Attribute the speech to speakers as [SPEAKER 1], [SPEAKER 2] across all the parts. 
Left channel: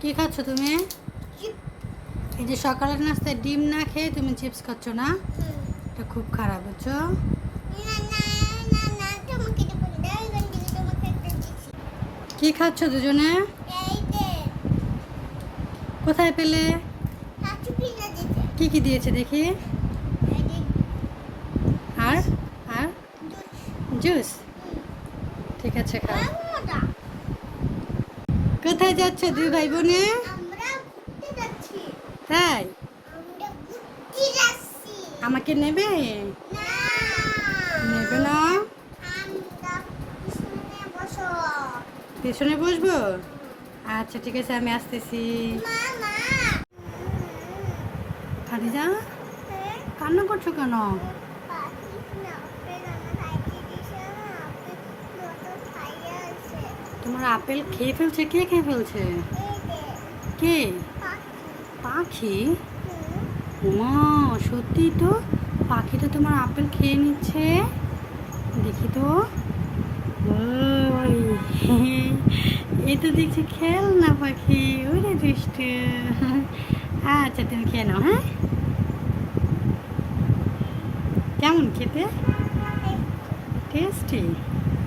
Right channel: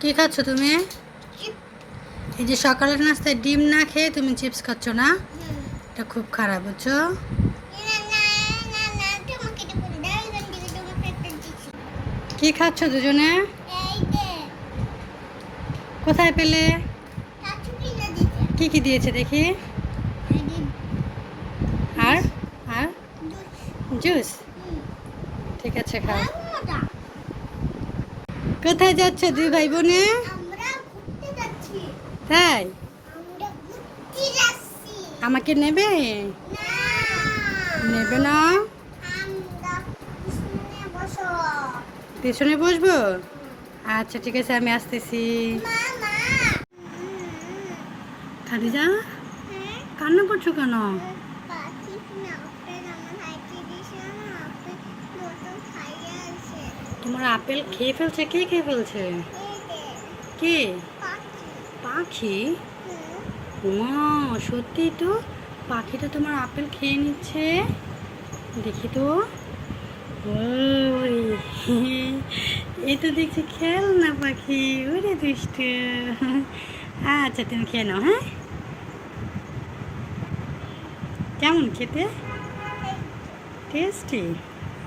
[SPEAKER 1] কি খাচ্ছ তুমি? এই যে সকালের নাস্তায় ডিম না খেয়ে তুমি চিপস খাচ্ছ না? এটা খুব খারাপ বুঝছ? কি খাচ্ছ দুজনে? কোথায় পেলে? কি কি দিয়েছে দেখি? আর? আর? জুস? ঠিক আছে খাও। কোথায় যাচ্ছ দুই ভাই বোনে? তাই? আমাকে নেবে? নেবে না? পেছনে বসবো। আচ্ছা ঠিক আছে আমি আসতেছি। খাদিজা? কান্না করছ কেন? তোমার আপেল খেয়ে ফেলছে? কে খেয়ে ফেলছে? কে? পাখি? মা সত্যি তো? পাখিটা তোমার আপেল খেয়ে নিচ্ছে। দেখি তো। এই তো দেখছি খেল না পাখি। ওরে দুষ্টু। আচ্ছা তুমি খেয়ে নাও হ্যাঁ? কেমন খেতে? টেস্টি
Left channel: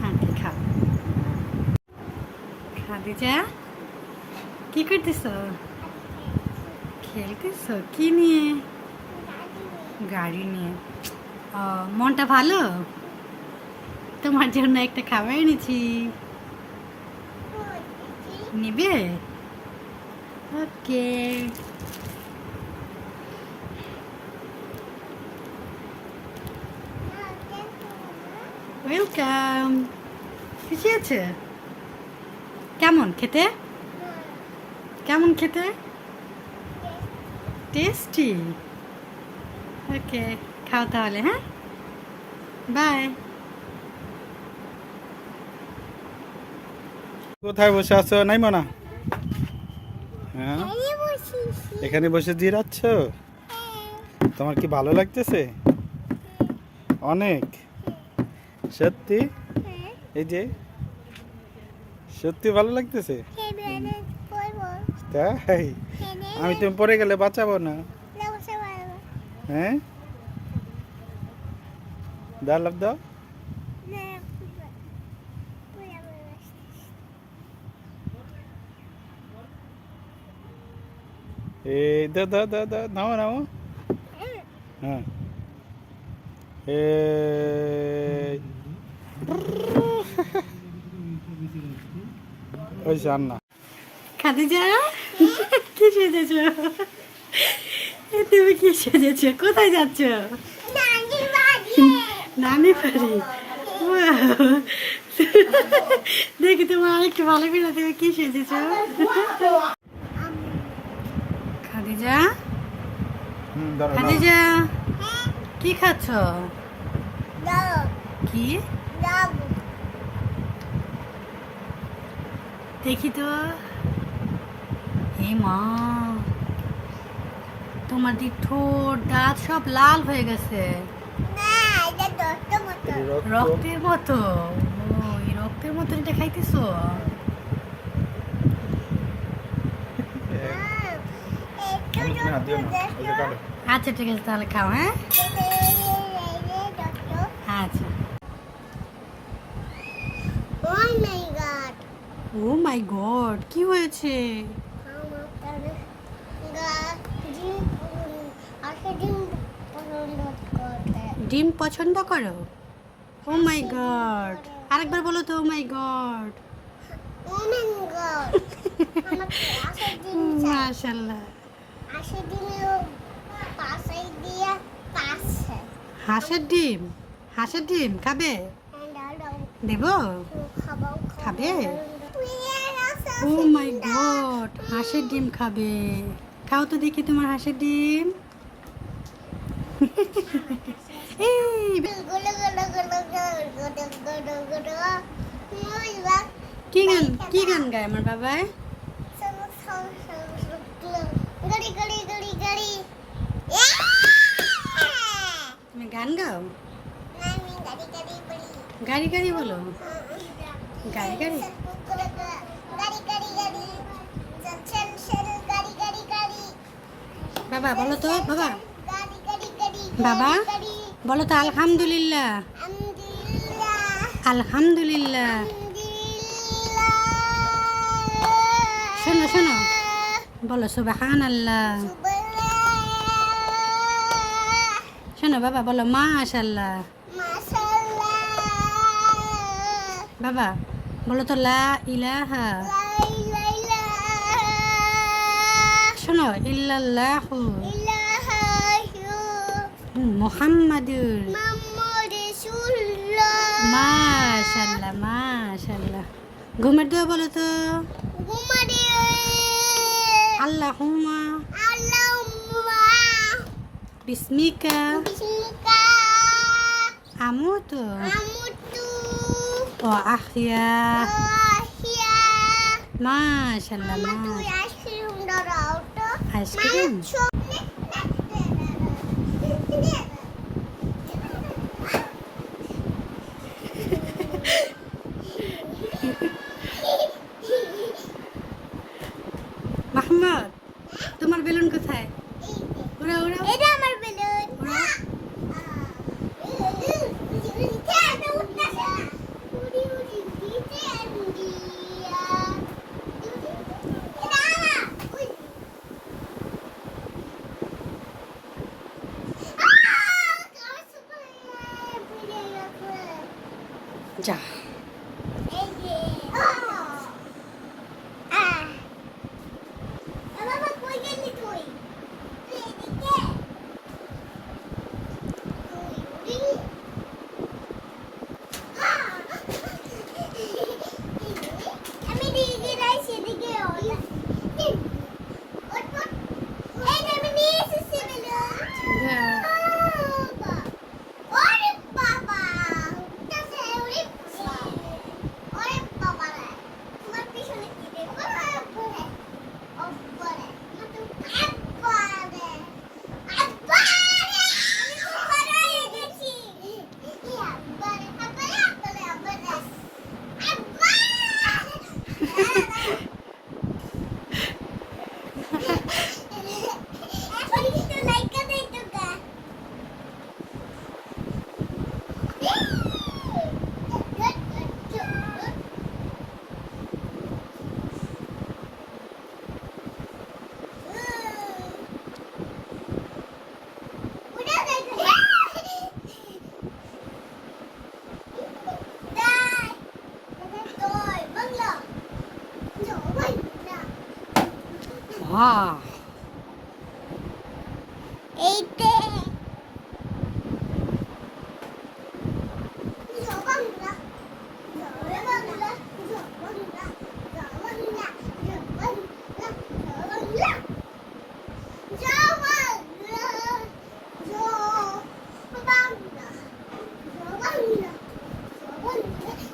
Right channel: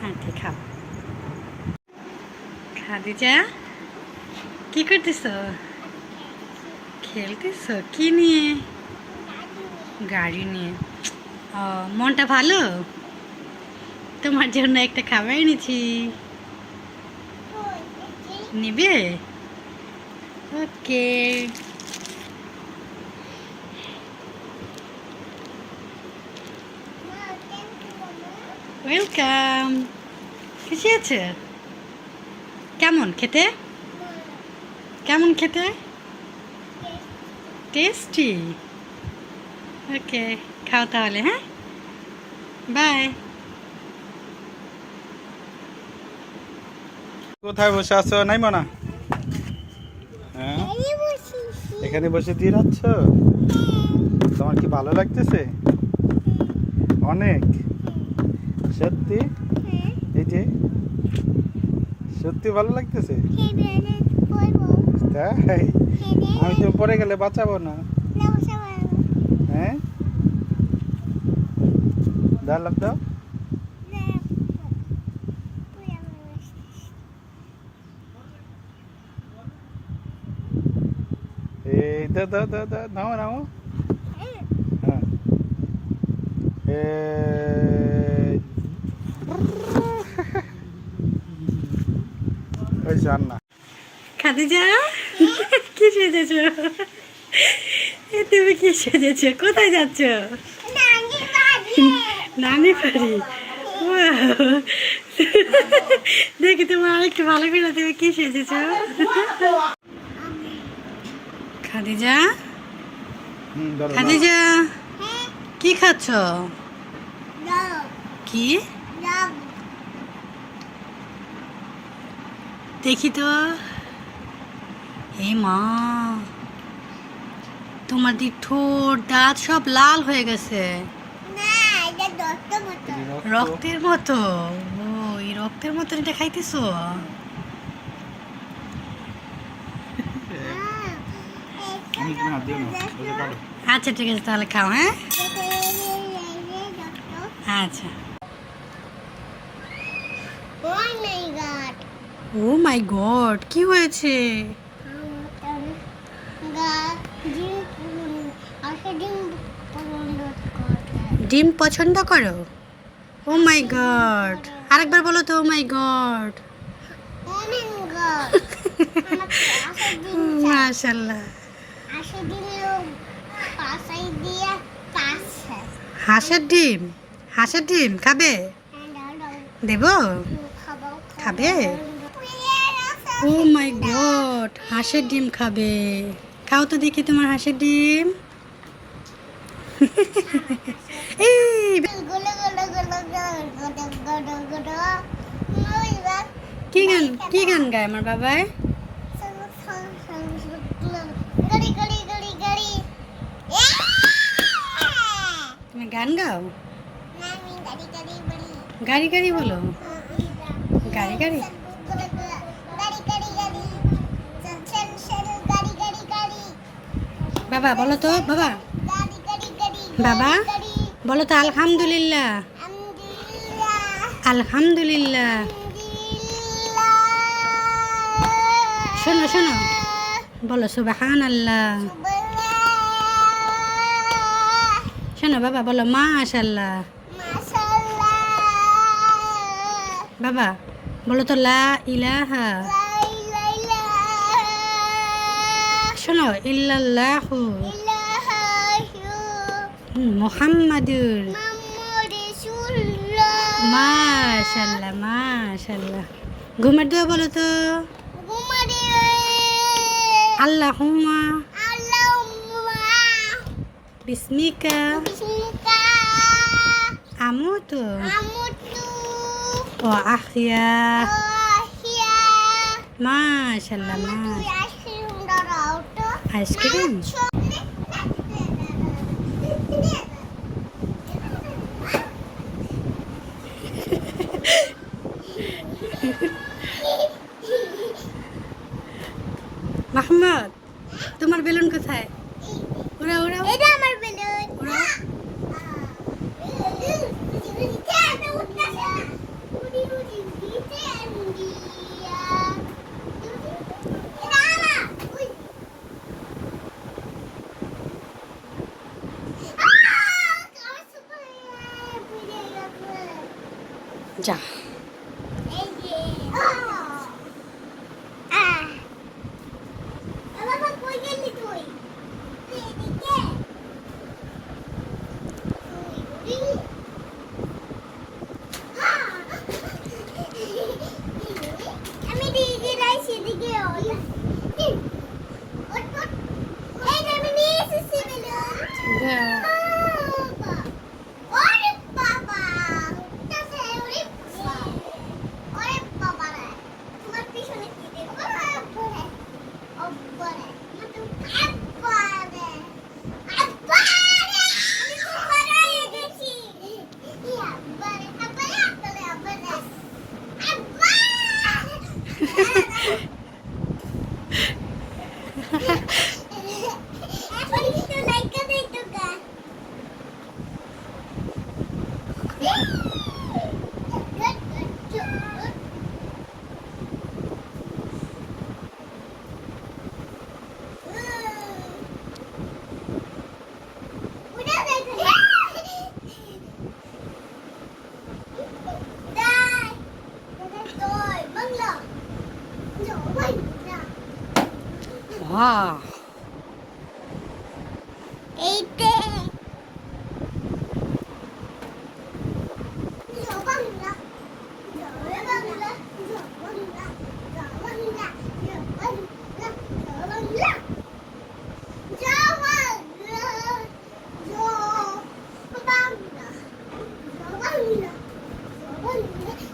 [SPEAKER 1] আচ্ছা খাও খাদিজা? কি করতেছ? খেলতেছ? কি নিয়ে? গাড়ি নিয়ে। ও, মনটা ভালো? তোমার জন্য একটা খাবার এনেছি। নিবে? ওকে। ওয়েলকাম। খুশি আছে? কেমন খেতে? কেমন খেতে? টেস্টি। ওকে, খাও তাহলে হ্যাঁ? বাই।
[SPEAKER 2] কোথায় বসে আছো নাই মানা হ্যাঁ? এখানে বসে দিয়ে যাচ্ছ? তোমার কি ভালো লাগতেছে? অনেক? সত্যি? এই যে? সত্যি ভালো লাগতেছে? তাই? আমি তো পরে গেলে বাঁচাবো না। হ্যাঁ? লাভ দাও। এই দাও দাও দাও দাও নাও নাও হ্যাঁ। এই ওই জান্না
[SPEAKER 1] খাদিজা কি সেজেছ? এ তুমি কি সেজেছ? কোথায় যাচ্ছ? নানি বাড়ি। দেখি তোমার আরেকটু ভালো করে তুমি কি সেজেছ? খাদিজা। খাদিজা কি খাচ্ছ? কি? দেখি তো। এই মা তোমার দিক ঠোঁট দাঁত সব লাল হয়ে গেছে। রক্তের মতো? ও এই রক্তের মতো এটা খাইতেছো?
[SPEAKER 2] আমি না দিও না ওই যে কাটো।
[SPEAKER 1] আচ্ছা ঠিক আছে তাহলে খাও হ্যাঁ? আচ্ছা।
[SPEAKER 3] Oh my god.
[SPEAKER 1] Oh my god কি হয়েছে? ডিম পছন্দ করো? ও মাই গড আরেকবার বলো তো ও মাই গড মাশাল্লাহ হাঁসের ডিম হাঁসের ডিম খাবে? দেব? খাবে? ও মাই গড, হাঁসের ডিম খাবে। খাও তো দেখি তোমার হাঁসের ডিম। কি গান কি গান গায় আমার
[SPEAKER 3] গড়ি
[SPEAKER 1] তুমি গান গাও?
[SPEAKER 3] গাড়ি গাড়ি
[SPEAKER 1] বলো। গাড়ি গাড়ি? বাবা, বলো তো, বাবা। বাবা? বলো তো, আলহামদুলিল্লাহ।
[SPEAKER 3] আলহামদুলিল্লাহ।
[SPEAKER 1] শোনো শোনো। বলো সুবাহান আল্লাহ শোনো, বাবা, বলো মাশাল্লাহ
[SPEAKER 3] মাশাআল্লাহ।
[SPEAKER 1] বাবা, বলো তো, লা ইলাহা শোনো ইল্লাল্লাহু। মুহাম্মাদুর। মাশাল্লাহ মাশাল্লাহ ঘুমের দেওয়া বলো তো। আল্লাহুম্মা। বিসমিকা। আমুতু। ও আহিয়া মাশাল্লাহ মাশ
[SPEAKER 3] আইসক্রিম দাও Acho que é não. 哇！哎
[SPEAKER 1] 对，
[SPEAKER 3] 你找到你了。Thank you.